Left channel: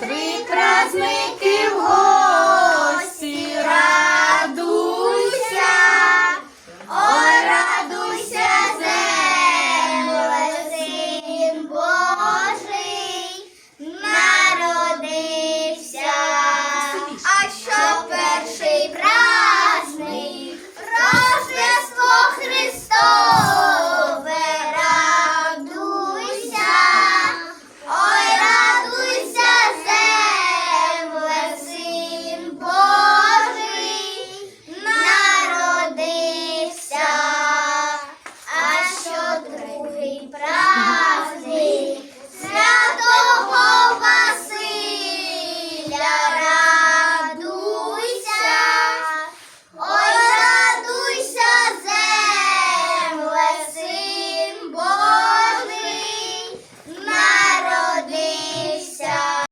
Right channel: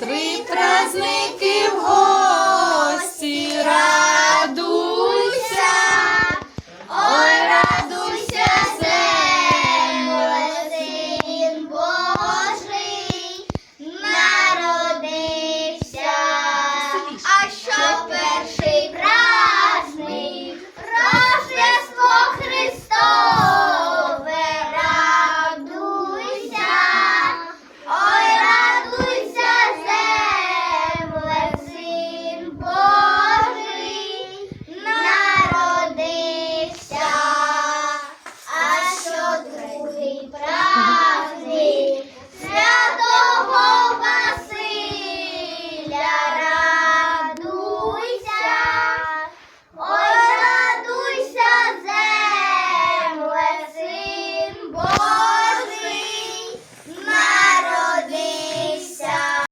Три праздника. yeah